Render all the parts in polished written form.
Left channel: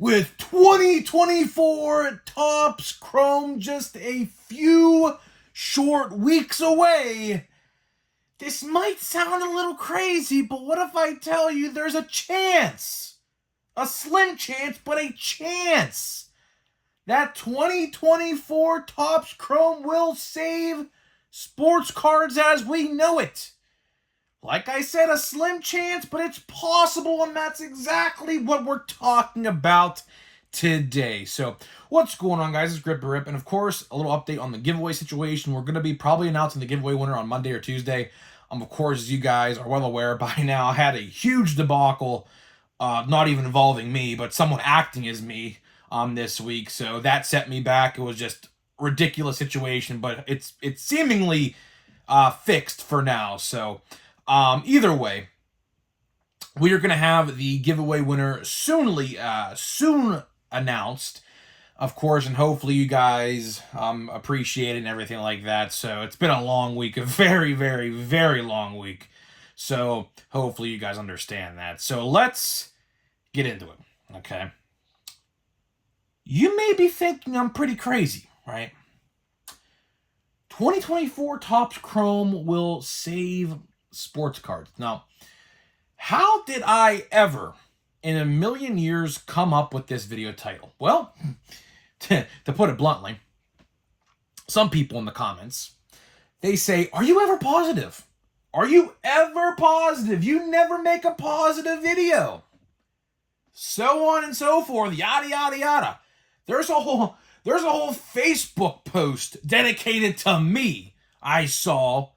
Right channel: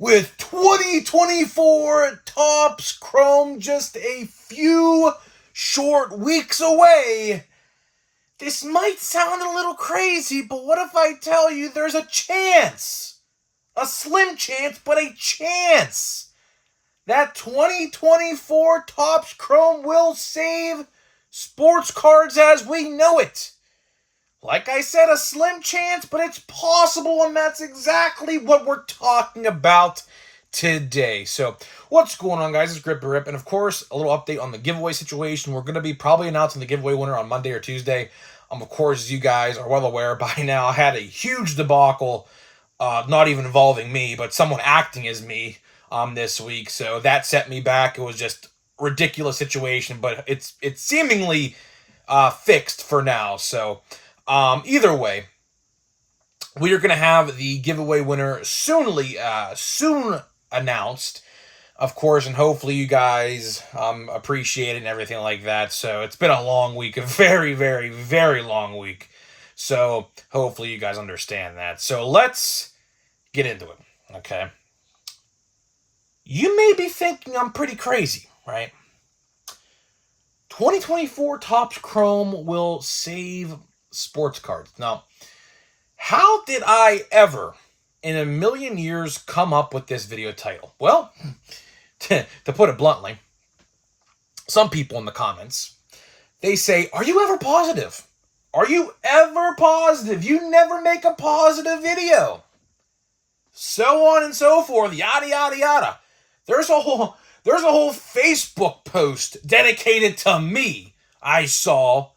with 2024 Topps Chrome just a few short weeks away. This might sound a little crazy, but what if I tell you there's a chance? A slim chance, but a chance that 2024 Topps Chrome will save sports cards as we know it. Like I said, a slim chance, but it's possible, and that's exactly what we're talking about today. So, what's going on, guys? It's Grip Rip, and of course, a little update on the giveaway situation. We're going to be probably announcing the giveaway winner on Monday or Tuesday. Of course, as you guys are well aware by now, I had a huge debacle, not even involving me, but someone acting as me this week. So that set me back. It was just a ridiculous situation, but it's seemingly fixed for now. So either way, we are going to have the giveaway winner soon announced, of course, and hopefully you guys appreciate it and everything like that. So it's been a long week, a very, very, very long week. So hopefully you guys understand that. So let's get into it, okay? You may be thinking I'm pretty crazy, right? 2024 Topps Chrome will save sports cards. Now, how did I ever in a million years come up with this video title? Well, to put it bluntly, some people in the comments, they say, are you ever positive? Are you ever positive? You never make a positive video. So on and so forth, yada, yada, yada. There's a whole Facebook post dedicated to me I saw.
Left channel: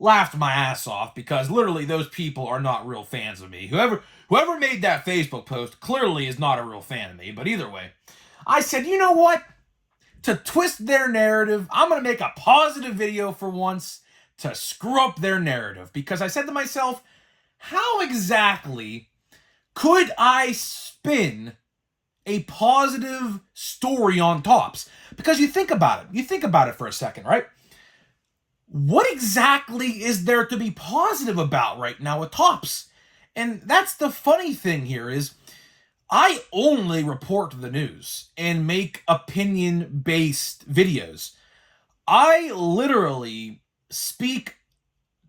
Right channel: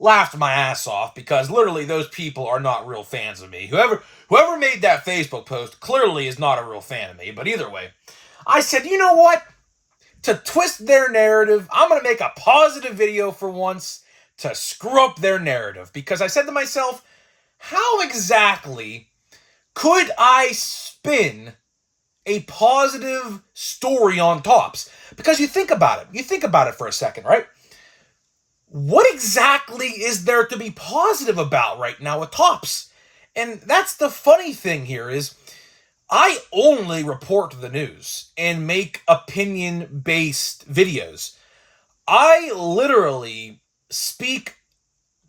Laughed my ass off because literally those people are not real fans of me. Whoever made that Facebook post clearly is not a real fan of me. But either way, I said, you know what? To twist their narrative, I'm going to make a positive video for once to screw up their narrative. Because I said to myself, how exactly could I spin a positive story on Topps? Because you think about it. You think about it for a second, right? What exactly is there to be positive about right now with Topps? And that's the funny thing here is I only report the news and make opinion-based videos. I literally speak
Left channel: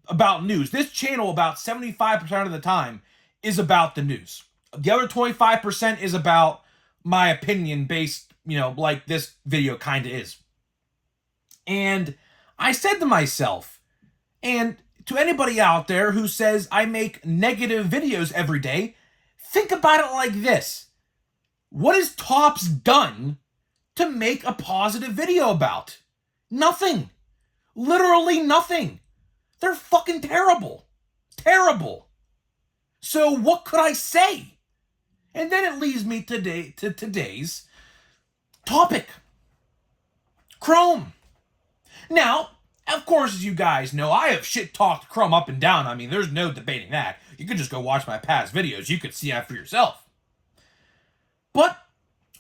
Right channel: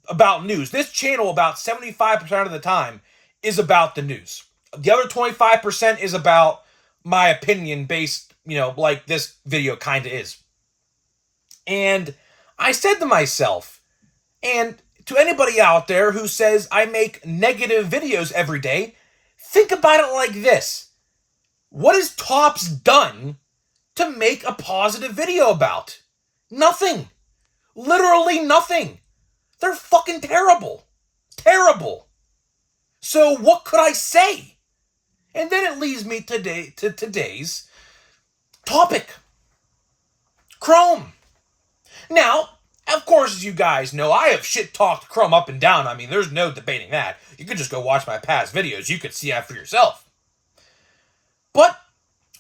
about news. This channel, about 75% of the time, is about the news. The other 25% is about my opinion-based, like this video kind of is. And I said to myself, and to anybody out there who says I make negative videos every day, think about it like this. What has Topps done to make a positive video about? Nothing. Literally nothing. They're fucking terrible. Terrible. So what could I say? And then it leads me to today's topic. Chrome. Now, of course, as you guys know, I have shit-talked Chrome up and down. I mean, there's no debating that. You could just go watch my past videos. You could see that for yourself. But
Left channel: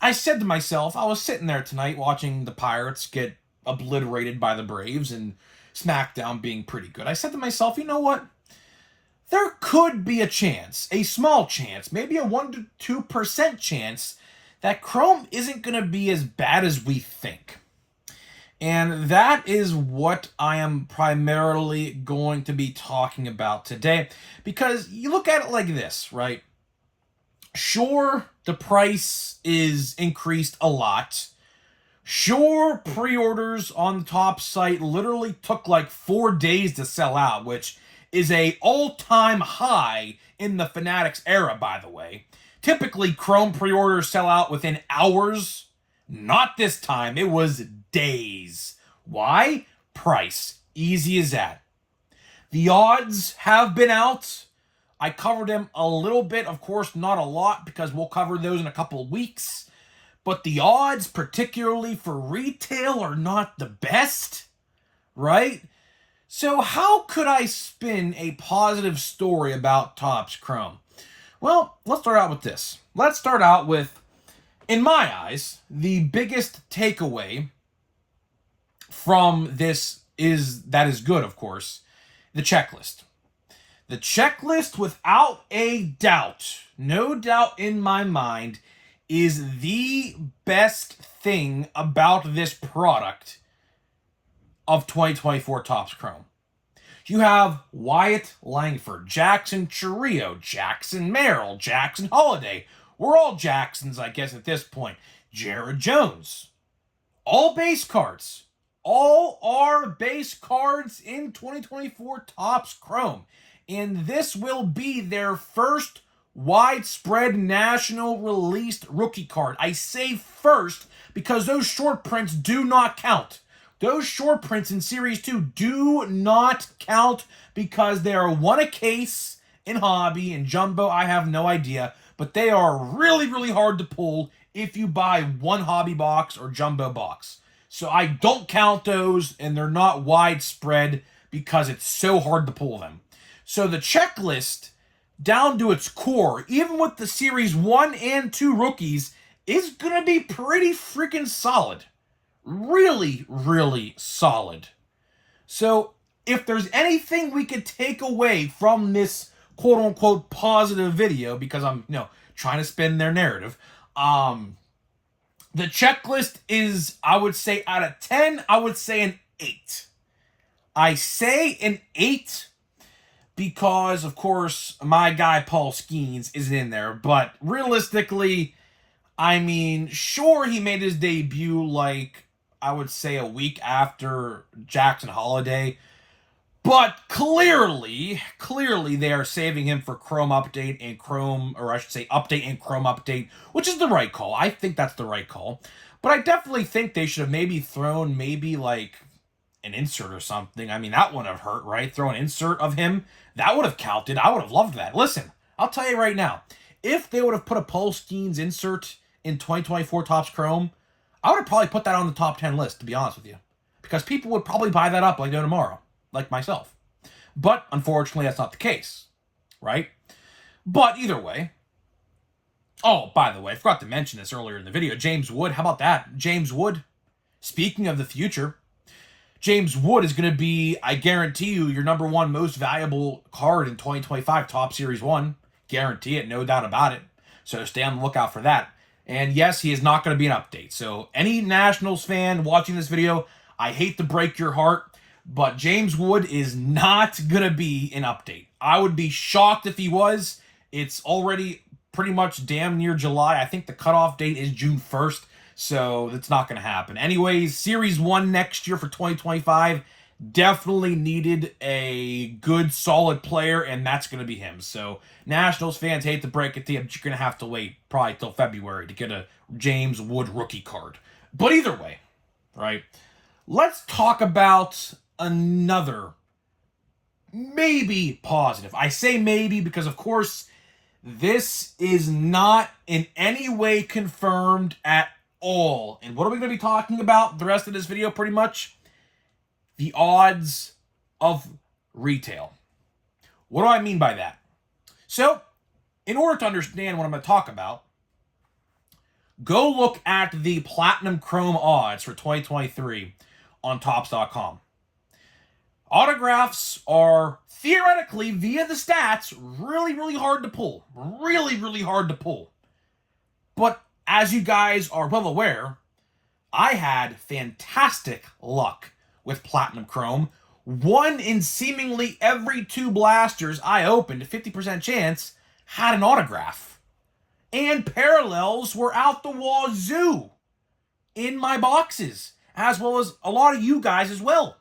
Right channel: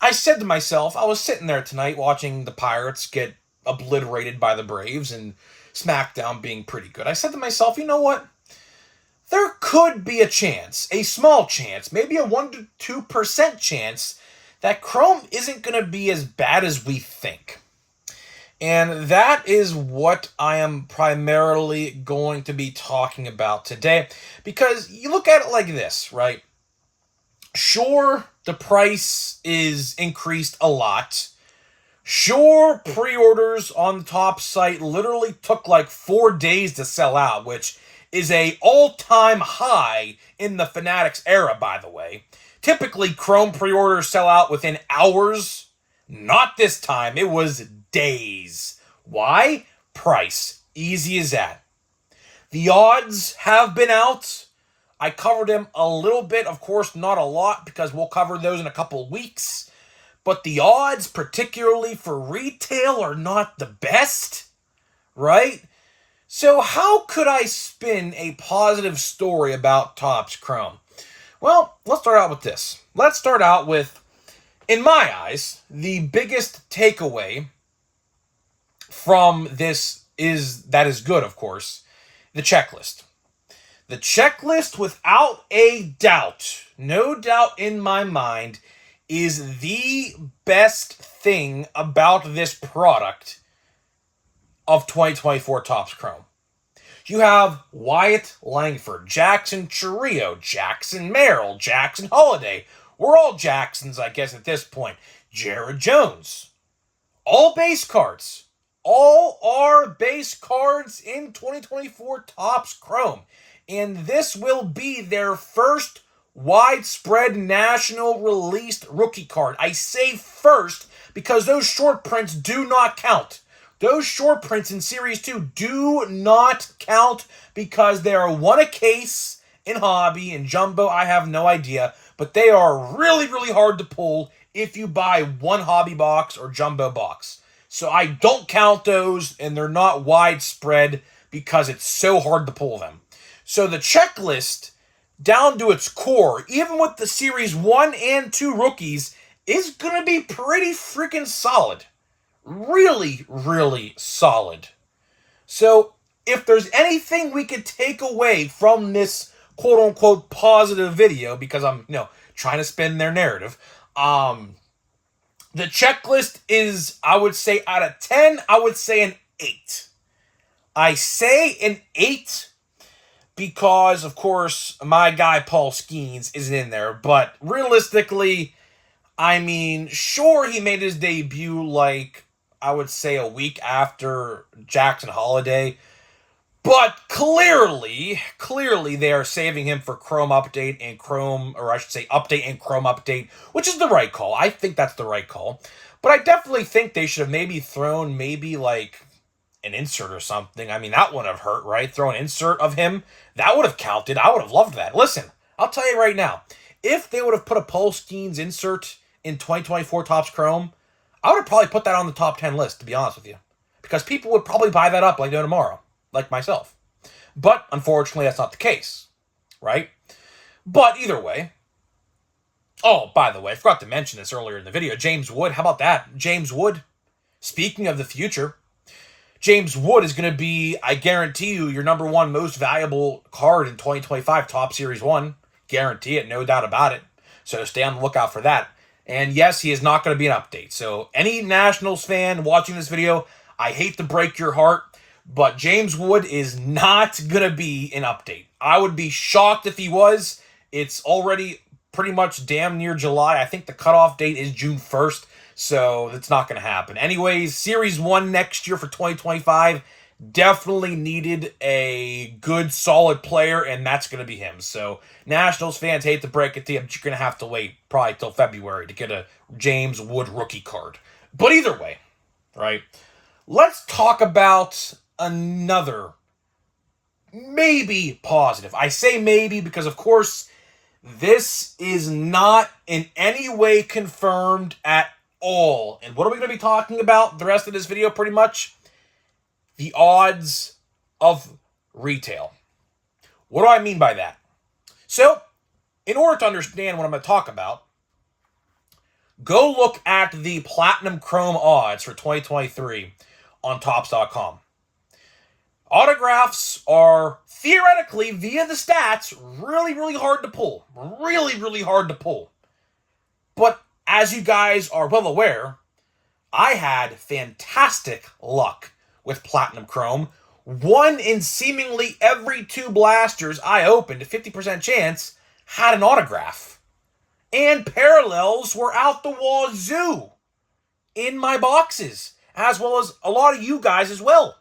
I said to myself, I was sitting there tonight watching the Pirates get obliterated by the Braves and SmackDown being pretty good. I said to myself, you know what? There could be a chance, a small chance, maybe a 1 to 2% chance that Chrome isn't going to be as bad as we think. And that is what I am primarily going to be talking about today. Because you look at it like this, right? Sure, the price is increased a lot. Sure, pre-orders on the Topps site literally took like 4 days to sell out, which is a all-time high in the Fanatics era, by the way. Typically, Chrome pre-orders sell out within hours. Not this time. It was days. Why? Price. Easy as that. The odds have been out. I covered them a little bit. Of course, not a lot because we'll cover those in a couple of weeks. But the odds, particularly for retail, are not the best. Right? So how could I spin a positive story about Topps Chrome? Well, let's start out with this. Let's start out with, in my eyes, the biggest takeaway from this is good, of course, the checklist. The checklist, without a doubt, no doubt in my mind, is the best thing about this product of 2024 Topps Chrome. You have Wyatt Langford, Jackson Chourio, Jackson Merrill, Jackson Holiday. We're all Jacksons, I guess, at this point. Jared Jones. All base cards. All are base cards in 2024 Topps Chrome. And this will be their first widespread national released rookie card. I say first because those short prints do not count. Those short prints in Series 2 do not count because they are one a case in hobby and jumbo. I have no idea, but they are really, really hard to pull if you buy one hobby box or jumbo box. So I don't count those, and they're not widespread because it's so hard to pull them. So the checklist, down to its core, even with the Series 1 and 2 rookies, is going to be pretty freaking solid. Really, really solid. So if there's anything we could take away from this quote-unquote positive video, because I'm, trying to spin their narrative, the checklist is, I would say, out of 10, I would say an 8. I say an 8 because, of course, my guy Paul Skeens isn't in there. But realistically, I mean, sure, he made his debut, I would say a week after Jackson Holiday. But clearly, they are saving him for Chrome Update and Update and Chrome Update, which is the right call. I think that's the right call. But I definitely think they should have maybe thrown an insert or something. I mean, that wouldn't have hurt, right? Throw an insert of him. That would have counted. I would have loved that. Listen, I'll tell you right now. If they would have put a Paul Skeens insert in 2024 Topps Chrome, I would have probably put that on the top 10 list, to be honest with you. Because people would probably buy that up like no tomorrow. Like myself. But, unfortunately, that's not the case. Right? But, either way. Oh, by the way, I forgot to mention this earlier in the video. James Wood, how about that? James Wood, speaking of the future, James Wood is going to be, I guarantee you, your number one most valuable card in 2025 Topps Series 1. Guarantee it, no doubt about it. So stay on the lookout for that. And yes, he is not going to be an update. So any Nationals fan watching this video, I hate to break your heart, but James Wood is not going to be an update. I would be shocked if he was. It's already pretty much damn near July. I think the cutoff date is June 1st, so it's not going to happen. Anyways, Series 1 next year for 2025 definitely needed a good, solid player, and that's going to be him. So Nationals fans, hate to break it to you, but you're going to have to wait probably till February to get a James Wood rookie card. But either way, right, let's talk about another maybe positive. I say maybe because, of course, this is not in any way confirmed at all. And what are we going to be talking about the rest of this video pretty much? The odds of retail. What do I mean by that? So, in order to understand what I'm going to talk about, go look at the Platinum Chrome odds for 2023 on Topps.com. Autographs are theoretically, via the stats, really, really hard to pull. Really, really hard to pull. But as you guys are well aware, I had fantastic luck with Platinum Chrome. 1 in seemingly every 2 blasters I opened, a 50% chance, had an autograph. And parallels were out the wazoo in my boxes, as well as a lot of you guys as well.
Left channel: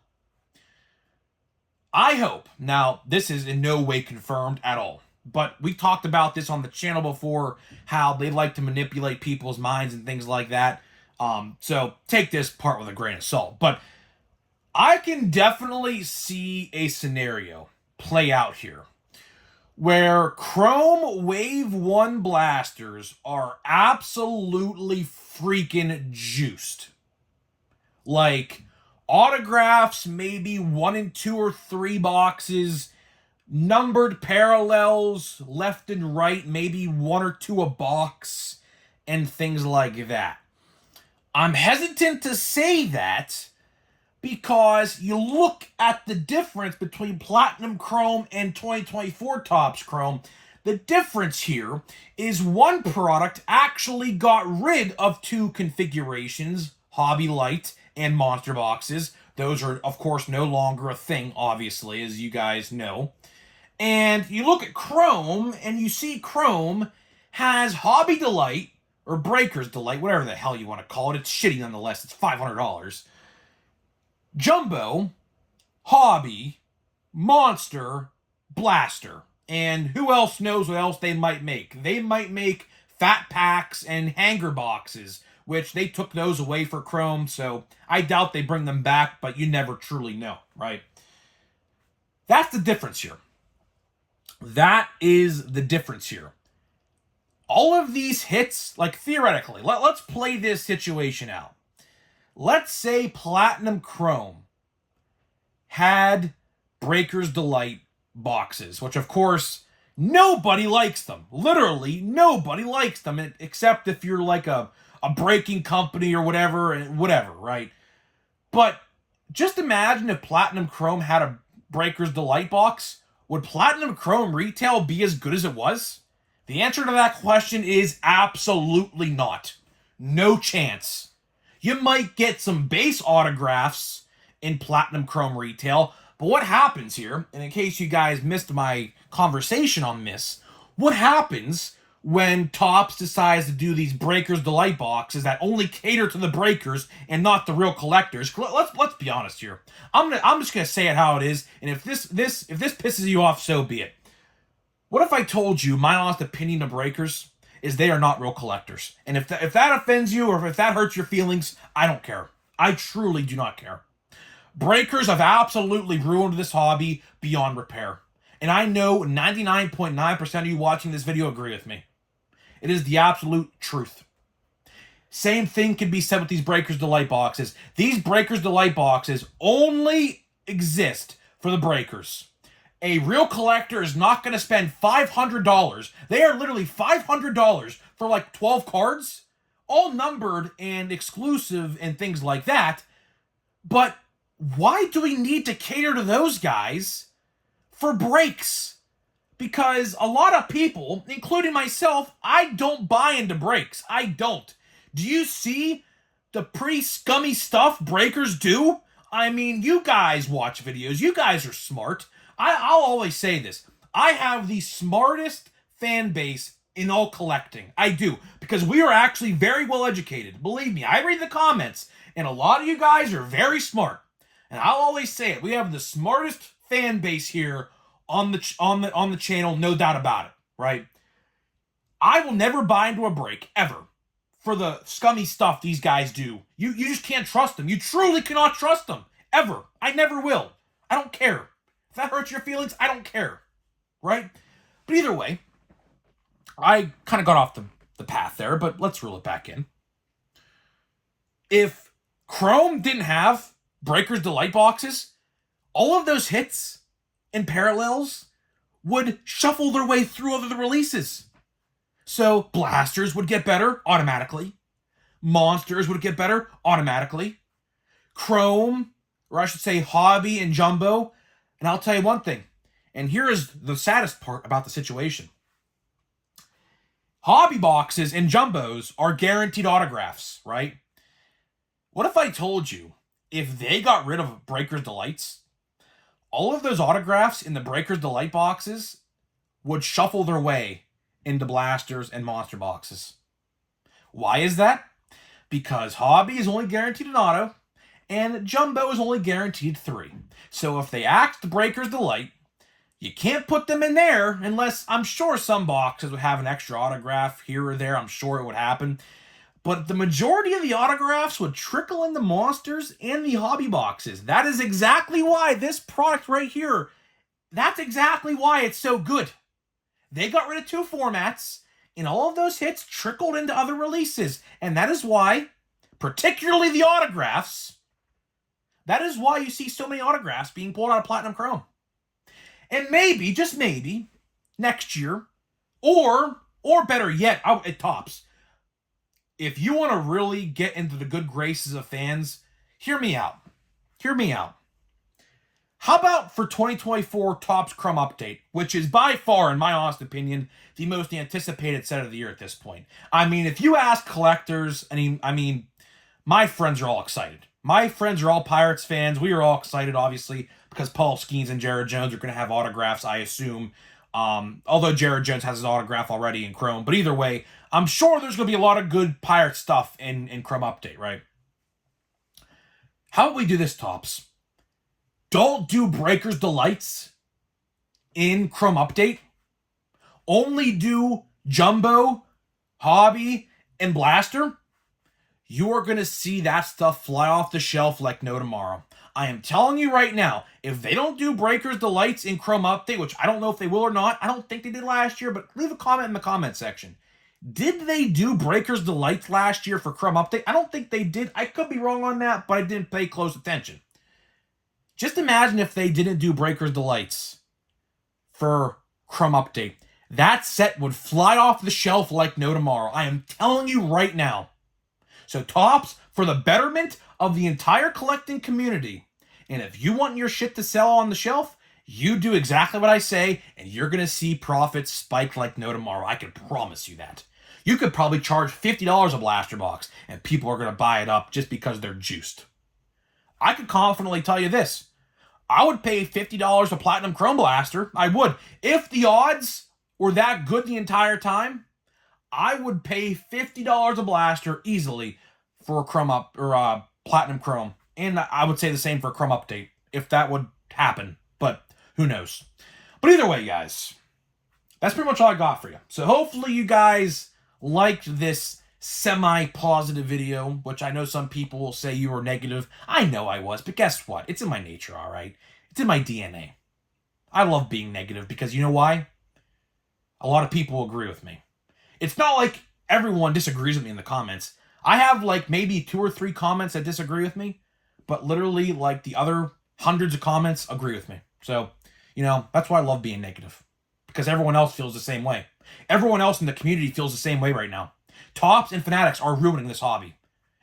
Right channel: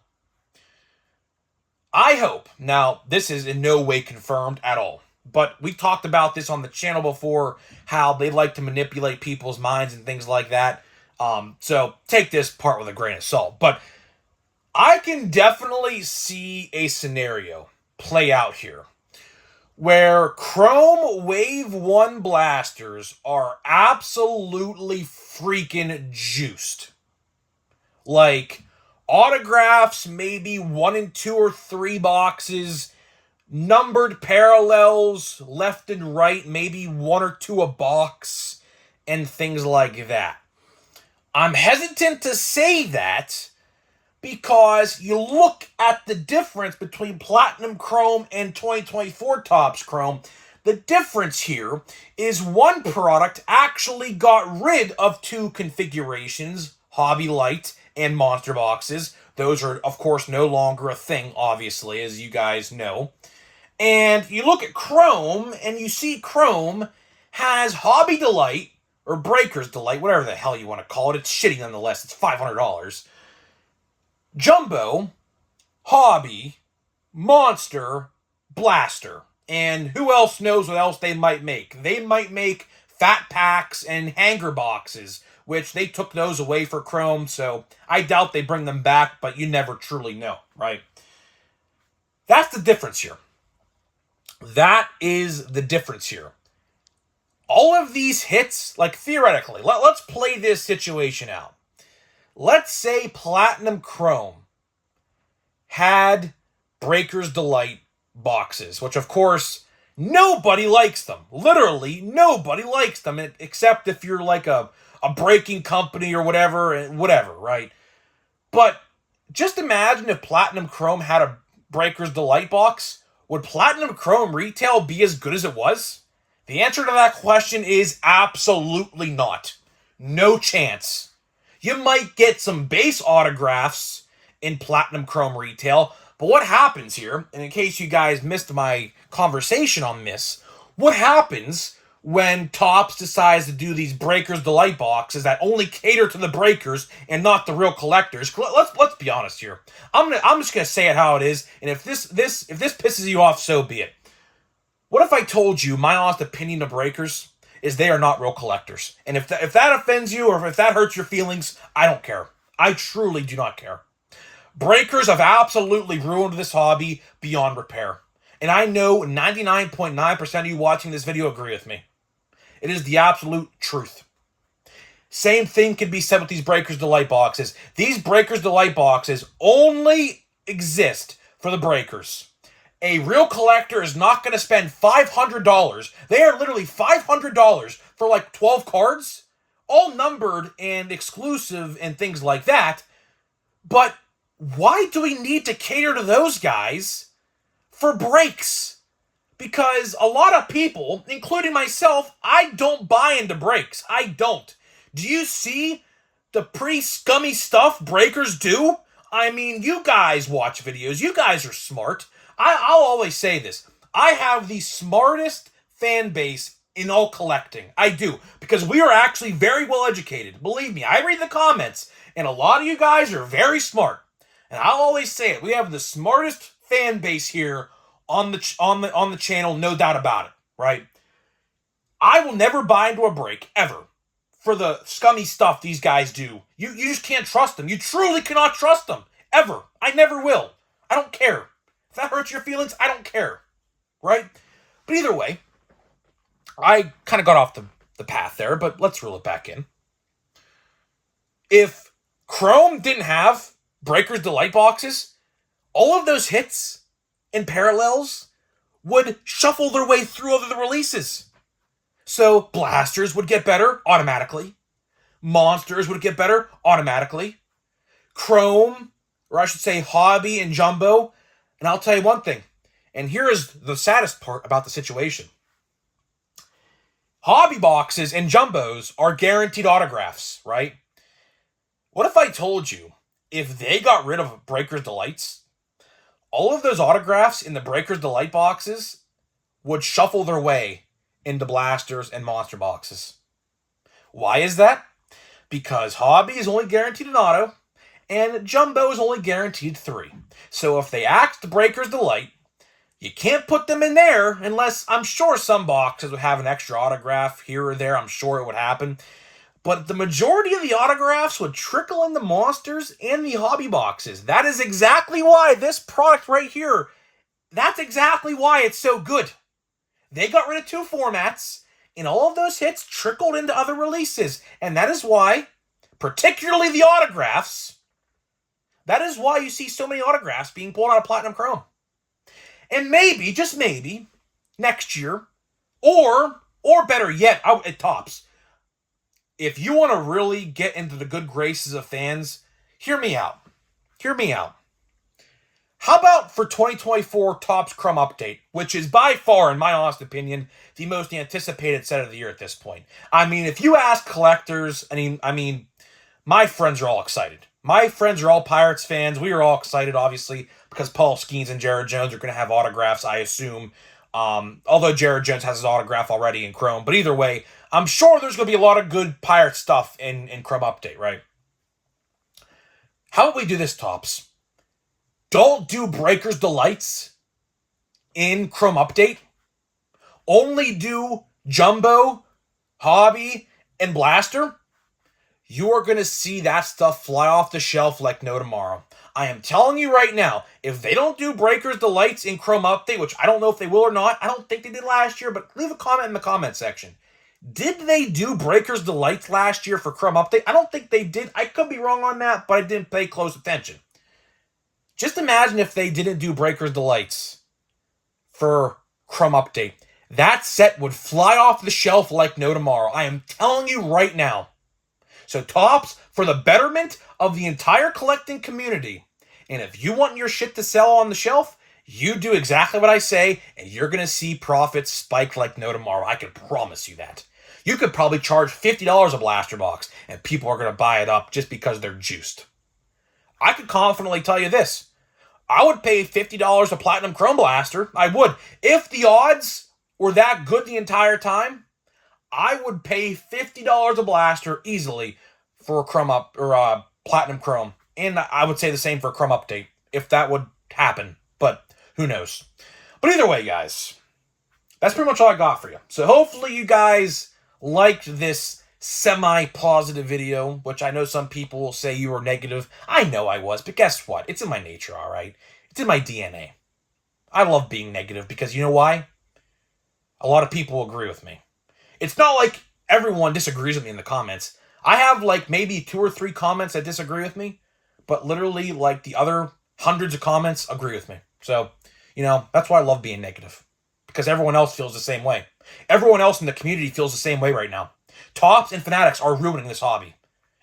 I hope, now this is in no way confirmed at all, but we've talked about this on the channel before, how they like to manipulate people's minds and things like that. So take this part with a grain of salt. But I can definitely see a scenario play out here where Chrome Wave 1 blasters are absolutely freaking juiced. Like, autographs, maybe 1 in 2 or 3 boxes, numbered parallels left and right, maybe 1 or 2 a box, and things like that. I'm hesitant to say that because you look at the difference between Platinum Chrome and 2024 Topps Chrome. The difference here is one product actually got rid of two configurations, Hobby Light and Monster Boxes. Those are, of course, no longer a thing, obviously, as you guys know. And you look at Chrome, and you see Chrome has Hobby Delight, or Breaker's Delight, whatever the hell you want to call it. It's shitty nonetheless. It's $500. Jumbo, Hobby, Monster, Blaster. And who else knows what else they might make? They might make fat packs and hanger boxes, which they took those away for Chrome, so I doubt they bring them back, but you never truly know, right? That's the difference here. That is the difference here. All of these hits, like theoretically, let's play this situation out. Let's say Platinum Chrome had Breaker's Delight boxes, which of course nobody likes them. Literally nobody likes them, except if you're like a breaking company or whatever, right? But just imagine if Platinum Chrome had a Breaker's Delight box. Would Platinum Chrome retail be as good as it was? The answer to that question is absolutely not. No chance. You might get some base autographs in Platinum Chrome retail, but what happens here, and in case you guys missed my conversation on this, what happens when Topps decides to do these Breaker's Delight boxes that only cater to the breakers and not the real collectors? Let's be honest here. I'm just gonna say it how it is, and if this pisses you off, so be it. What if I told you my honest opinion of breakers is they are not real collectors? And if that offends you or if that hurts your feelings, I don't care. I truly do not care. Breakers have absolutely ruined this hobby beyond repair. And I know 99.9% of you watching this video agree with me. It is the absolute truth. Same thing can be said with these Breaker's Delight boxes. These Breaker's Delight boxes only exist for the breakers. A real collector is not going to spend $500. They are literally $500 for like 12 cards, all numbered and exclusive and things like that. But why do we need to cater to those guys for breaks? Because a lot of people, including myself, I don't buy into breaks. I don't. Do you see the pretty scummy stuff breakers do? I mean, you guys watch videos. You guys are smart. I'll always say this. I have the smartest fan base in all collecting. I do. Because we are actually very well educated. Believe me, I read the comments. And a lot of you guys are very smart. And I'll always say it. We have the smartest fan base here on the channel, no doubt about it, right? I will never buy into a break, ever, for the scummy stuff these guys do. You just can't trust them. You truly cannot trust them, ever. I never will. I don't care. If that hurts your feelings, I don't care, right? But either way, I kind of got off the path there, but let's reel it back in. If Chrome didn't have Breaker's Delight boxes, all of those hits and parallels would shuffle their way through other releases. So Blasters would get better automatically. Monsters would get better automatically. Chrome, or I should say Hobby and Jumbo. And I'll tell you one thing, and here is the saddest part about the situation. Hobby boxes and Jumbos are guaranteed autographs, right? What if I told you, if they got rid of Breaker's Delights, all of those autographs in the Breaker's Delight boxes would shuffle their way into Blasters and Monster boxes? Why is that? Because Hobby is only guaranteed an auto, and Jumbo is only guaranteed 3. So if they axed Breaker's Delight, you can't put them in there unless, I'm sure some boxes would have an extra autograph here or there. I'm sure it would happen. But the majority of the autographs would trickle in the Monsters and the Hobby boxes. That is exactly why this product right here, that's exactly why it's so good. They got rid of 2 formats, and all of those hits trickled into other releases. And that is why, particularly the autographs, that is why you see so many autographs being pulled out of Platinum Chrome. And maybe, just maybe, next year, or better yet, out at Topps, if you want to really get into the good graces of fans, hear me out. Hear me out. How about for 2024 Topps Chrome Update, which is by far, in my honest opinion, the most anticipated set of the year at this point. I mean, if you ask collectors, I mean, my friends are all excited. My friends are all Pirates fans. We are all excited, obviously, because Paul Skeens and Jared Jones are going to have autographs, I assume. Although Jared Jones has his autograph already in Chrome. But either way, I'm sure there's going to be a lot of good Pirate stuff in Chrome Update, right? How about we do this, Topps? Don't do Breakers Delights in Chrome Update. Only do Jumbo, Hobby, and Blaster. You are going to see that stuff fly off the shelf like no tomorrow. I am telling you right now, if they don't do Breakers Delights in Chrome Update, which I don't know if they will or not, I don't think they did last year, but leave a comment in the comment section. Did they do Breakers Delights last year for Chrome Update? I don't think they did. I could be wrong on that, but I didn't pay close attention. Just imagine if they didn't do Breakers Delights for Chrome Update. That set would fly off the shelf like no tomorrow. I am telling you right now. So Topps, for the betterment of the entire collecting community, and if you want your shit to sell on the shelf, you do exactly what I say, and you're going to see profits spike like no tomorrow. I can promise you that. You could probably charge $50 a blaster box, and people are going to buy it up just because they're juiced. I could confidently tell you this. I would pay $50 a Platinum Chrome Blaster. I would. If the odds were that good the entire time, I would pay $50 a blaster easily for a Platinum Chrome. And I would say the same for a Chrome Update, if that would happen. But who knows? But either way, guys, that's pretty much all I got for you. So hopefully you guys liked this semi-positive video, which I know some people will say you were negative. I know I was, but guess what? It's in my nature, all right? It's in my DNA. I love being negative because you know why? A lot of people agree with me. It's not like everyone disagrees with me in the comments. I have like maybe 2 or 3 comments that disagree with me, but literally like the other hundreds of comments agree with me. So, you know, that's why I love being negative, because everyone else feels the same way. Everyone else in the community feels the same way right now. Topps and Fanatics are ruining this hobby.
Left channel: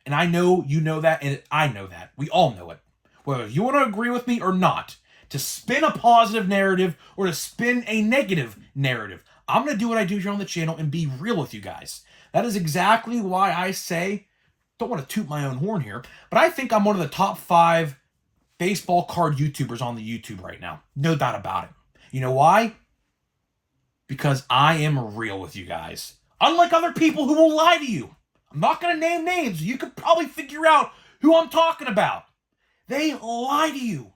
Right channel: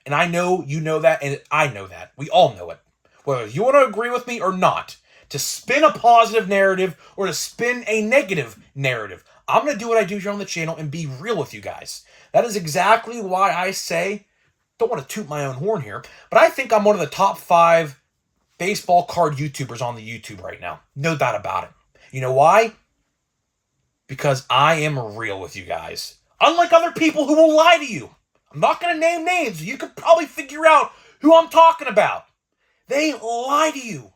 And I know you know that, and I know that. We all know it. Whether you want to agree with me or not, to spin a positive narrative or to spin a negative narrative, I'm going to do what I do here on the channel and be real with you guys. That is exactly why I say, don't want to toot my own horn here, but I think I'm one of the top 5 baseball card YouTubers on the YouTube right now. No doubt about it. You know why? Because I am real with you guys. Unlike other people who will lie to you. I'm not going to name names. You could probably figure out who I'm talking about. They lie to you.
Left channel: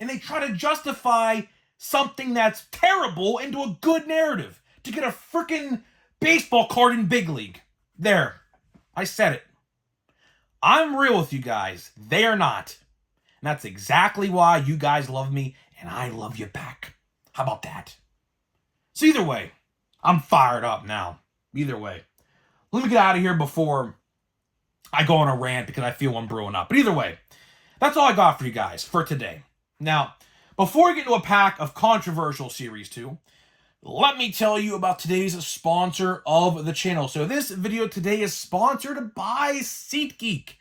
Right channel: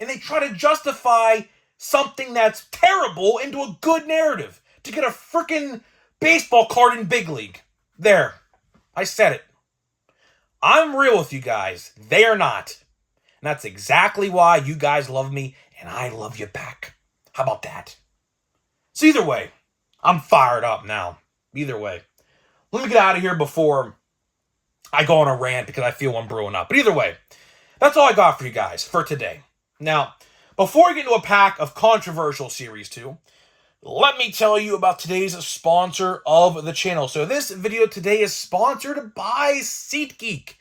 And they try to justify something that's terrible into a good narrative to get a freaking baseball card in Big League. There. I said it. I'm real with you guys. They are not. And that's exactly why you guys love me and I love you back. How about that? So either way, I'm fired up now. Either way. Let me get out of here before I go on a rant because I feel I'm brewing up. But either way, that's all I got for you guys for today. Now, before we get into a pack of controversial Series 2, let me tell you about today's sponsor of the channel. So this video today is sponsored by SeatGeek.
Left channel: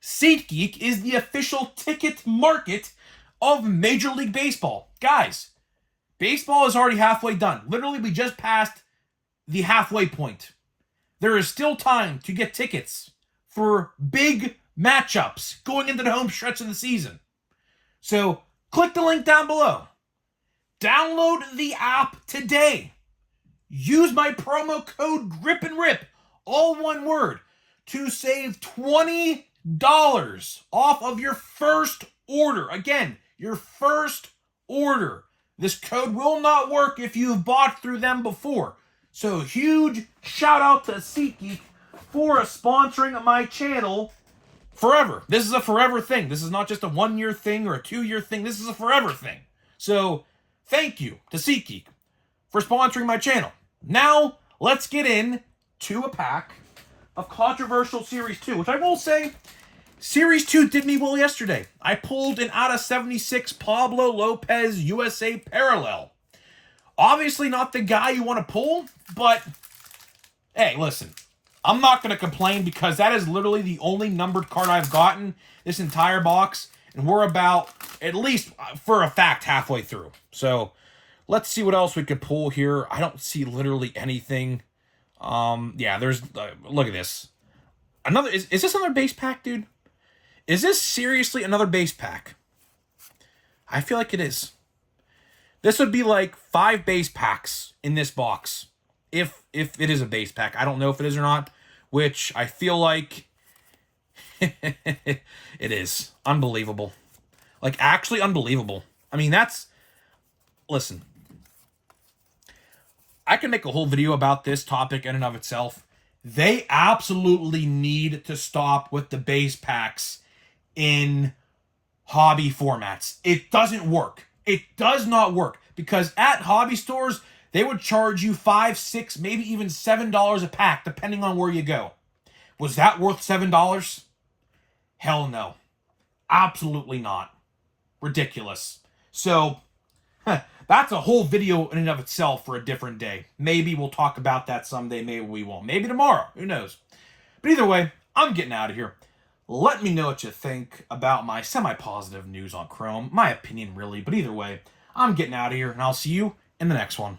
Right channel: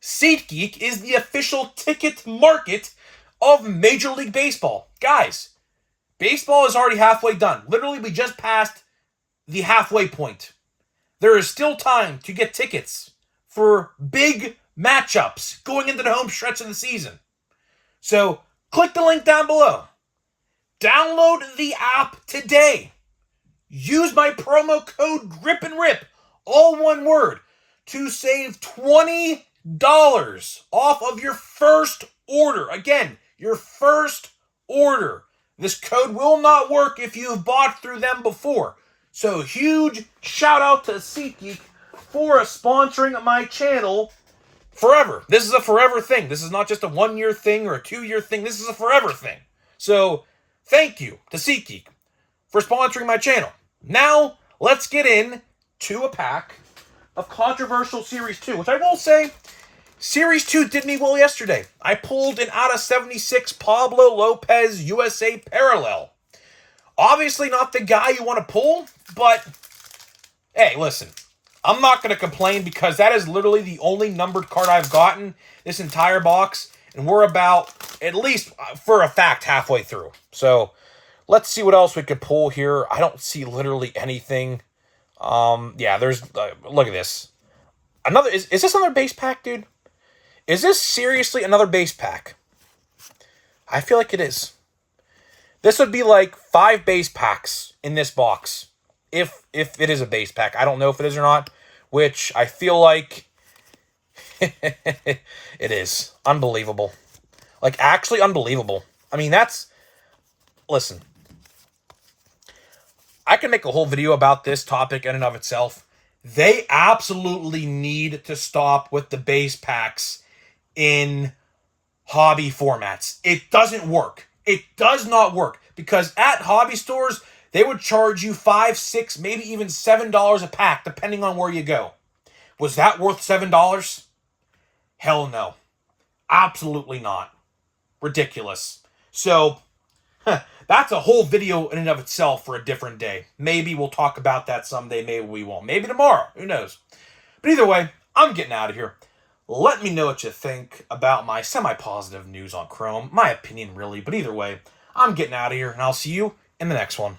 SeatGeek is the official ticket market of Major League Baseball. Guys, baseball is already halfway done. Literally, we just passed the halfway point. There is still time to get tickets for big matchups going into the home stretch of the season. So click the link down below. Download the app today. Use my promo code GRIPANDRIP, all one word, to save $20 off of your first order. Again, your first order. This code will not work if you've bought through them before. So huge shout out to SeatGeek for sponsoring my channel forever. This is a forever thing. This is not just a 1-year thing or a 2-year thing. This is a forever thing. So thank you to SeatGeek for sponsoring my channel. Now let's get into a pack of controversial Series 2, which I will say, Series 2 did me well yesterday. I pulled an out of 76 Pablo Lopez USA Parallel. Obviously not the guy you want to pull, but hey, listen, I'm not going to complain because that is literally the only numbered card I've gotten this entire box, and And we're about, at least for a fact, halfway through. So let's see what else we could pull here. I don't see literally anything. Yeah, there's, look at this. Another, is this another base pack, dude? Is this seriously another base pack? I feel like it is. This would be like 5 base packs in this box. If it is a base pack. I don't know if it is or not. Which I feel like it is. Unbelievable. Like, actually unbelievable. I mean, that's... Listen. I can make a whole video about this topic in and of itself. They absolutely need to stop with the base packs in hobby formats. It doesn't work. It does not work. Because at hobby stores, they would charge you $5, $6, maybe even $7 a pack, depending on where you go. Was that worth $7? Hell no. Absolutely not. Ridiculous. So, that's a whole video in and of itself for a different day. Maybe we'll talk about that someday. Maybe we won't. Maybe tomorrow. Who knows? But either way, I'm getting out of here. Let me know what you think about my semi-positive news on Chrome. My opinion, really. But either way, I'm getting out of here, and I'll see you in the next one.